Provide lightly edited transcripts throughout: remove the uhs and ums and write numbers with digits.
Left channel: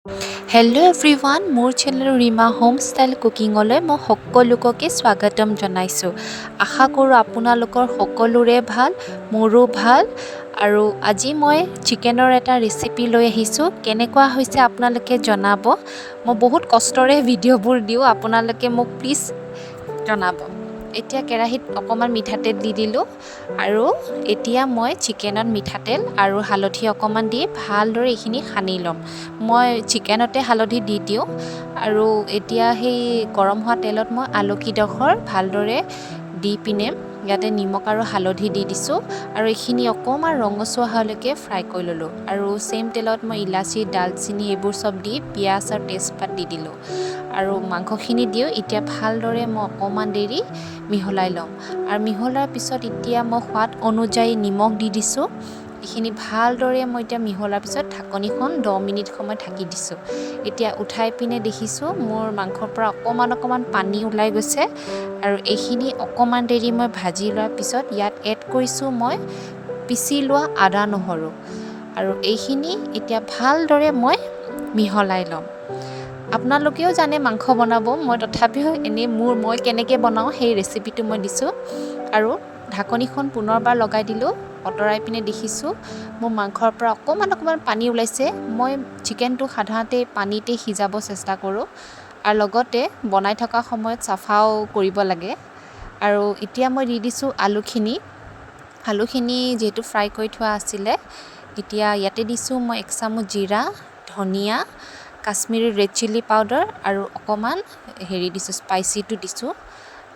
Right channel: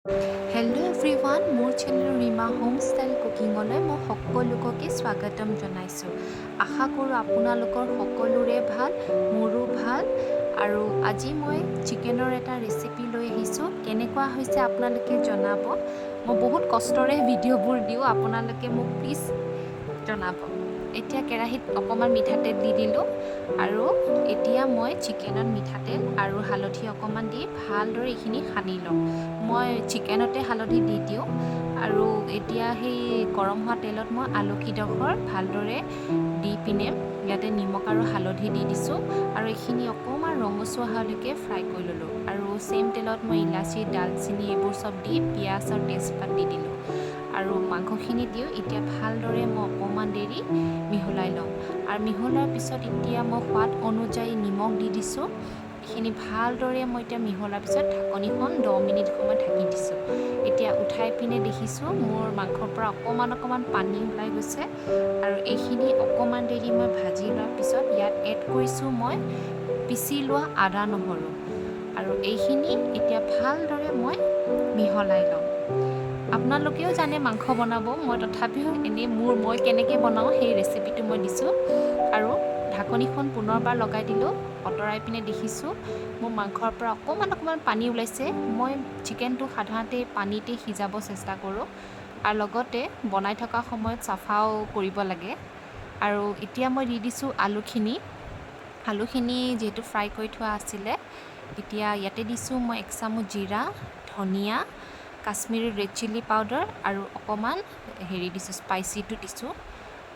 Hello' everyone, মোৰ channel Rima হোমষ্টাইল কুকিঙলৈ মই সকলোকে স্বাগতম জনাইছোঁ। আশা কৰোঁ আপোনালোকৰ সকলোৰে ভাল, মোৰো ভাল। আৰু আজি মই চিকেনৰ এটা ৰেচিপি লৈ আহিছোঁ। কেনেকুৱা হৈছে আপোনালোকে জনাব। মই বহুত কষ্টৰে ভিডিঅ'বোৰ দিওঁ, আপোনালোকে মোক প্লিজ জনাব। এতিয়া কেৰাহীত অকণমান মিঠাতেল দি দিলোঁ আৰু এতিয়া মই চিকেনত মিঠাতেল আৰু হালধি অকণমান দি ভালদৰে এইখিনি সানি ল'ম। মই চিকেনতে হালধি দি দিওঁ আৰু এতিয়া সেই গৰম হোৱা তেলত মই আলুকেইডোখৰ ভালদৰে দি পিনে ইয়াতে নিমখ আৰু হালধি দি দিছোঁ আৰু এইখিনি অকণমান ৰঙচুৱা হোৱালৈকে ফ্ৰাই কৰি ল'লোঁ। আৰু ছেইম তেলত মই ইলাচি, ডালচেনি এইবোৰ চব দি পিঁয়াজ আৰু তেজপাত দি দিলোঁ আৰু মাংসখিনি দিওঁ। এতিয়া ভালদৰে মই অকণমান দেৰি মিহলাই ল'ম আৰু মিহলাৰ পিছত এতিয়া মই সোৱাদ অনুযায়ী নিমখ দি দিছোঁ। এইখিনি ভালদৰে মই এতিয়া মিহলাৰ পিছত ঢাকনিখন 10 মিনিট সময় ঢাকি দিছোঁ। এতিয়া উঠাই পিনে দেখিছোঁ মোৰ মাংসৰ পৰা অকণমান পানী ওলাই গৈছে আৰু এইখিনি অকণমান দেৰি মই ভাজি লোৱাৰ পিছত ইয়াত এড কৰিছোঁ মই পিচি লোৱা আদা নহৰু আৰু এইখিনি এতিয়া ভালদৰে মই মিহলাই ল'ম। আপোনালোকেও জানে মাংস বনাব, মই তথাপিও এনেই মই কেনেকৈ বনাওঁ সেই ৰেচিপিটো মই দিছোঁ। আৰু ঢাকনিখন পুনৰবাৰ লগাই দিলোঁ। অঁতৰাই পিনে দেখিছোঁ মোৰ মাংসৰ পৰা অকণমান পানী ওলাইছে। মই চিকেনটো সাধাৰণতে পানীতে সিজাব চেষ্টা কৰোঁ আৰু লগতে বনাই থকা সময়ত চাফাও কৰিব লাগে। আৰু এতিয়া মই দি দিছোঁ আলুখিনি যিহেতু ফ্ৰাই কৰি থোৱা আছিলে। এতিয়া ইয়াতে দিছোঁ মই 1 চামুচ জিৰা, ধনিয়া, কাশ্মীৰী ৰেড চিলি পাউডাৰ আৰু অকণমান দিছোঁ, স্পাইচিটো দিছোঁ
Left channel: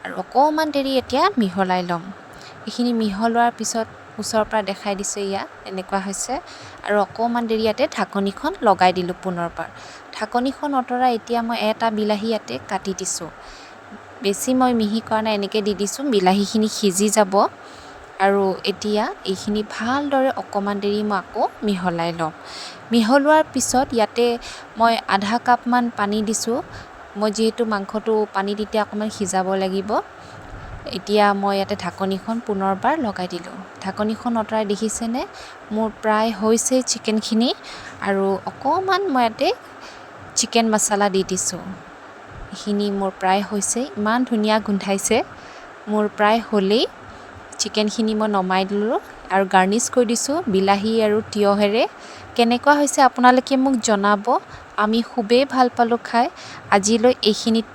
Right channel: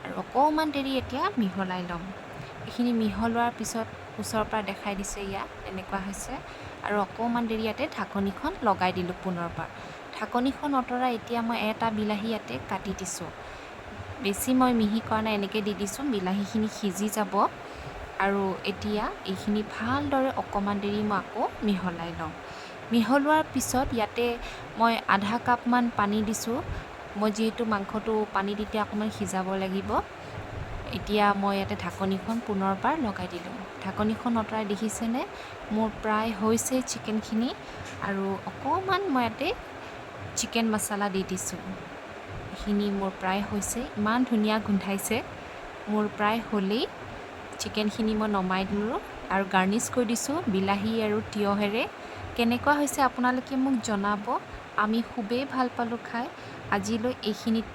আৰু অকণমান দেৰি এতিয়া মিহলাই ল'ম। এইখিনি মিহলোৱাৰ পিছত ওচৰৰ পৰা দেখাই দিছোঁ, ইয়াত এনেকুৱা হৈছে আৰু অকণমান দেৰি ইয়াতে ঢাকনিখন লগাই দিলোঁ পুনৰবাৰ। ঢাকনিখন অঁতৰাই এতিয়া মই এটা বিলাহী ইয়াতে কাটি দিছোঁ। বেছি মই মিহি কৰা নাই, এনেকৈ দি দিছোঁ, বিলাহীখিনি সিজি যাব। আৰু এতিয়া এইখিনি ভালদৰে অকণমান দেৰি মই আকৌ মিহলাই ল'ম। মিহলোৱাৰ পিছত ইয়াতে মই আধা কাপমান পানী দিছোঁ। মই যিহেতু মাংসটো পানীত এতিয়া অকণমান সিজাব লাগিব। এতিয়া মই ইয়াতে ঢাকনিখন পুনৰবাৰ লগাই দিলোঁ। ঢাকনিখন অঁতৰাই দেখিছেনে মোৰ প্ৰায় হৈছে চিকেনখিনি আৰু অকণমান মই ইয়াতে চিকেন মছলা দি দিছোঁ। এইখিনি মোৰ প্ৰায় হৈছে, ইমান ধুনীয়া গোন্ধাইছে। মোৰ প্ৰায় হ'লেই। চিকেনখিনি মই নমাই দিলোঁ আৰু গাৰ্নিছ কৰি দিছোঁ বিলাহী আৰু তিয়হেৰে। কেনেকুৱা হৈছে আপোনালোকে মোক জনাব। আমি খুবেই ভাল পালোঁ খাই। আজিলৈ এইখিনিত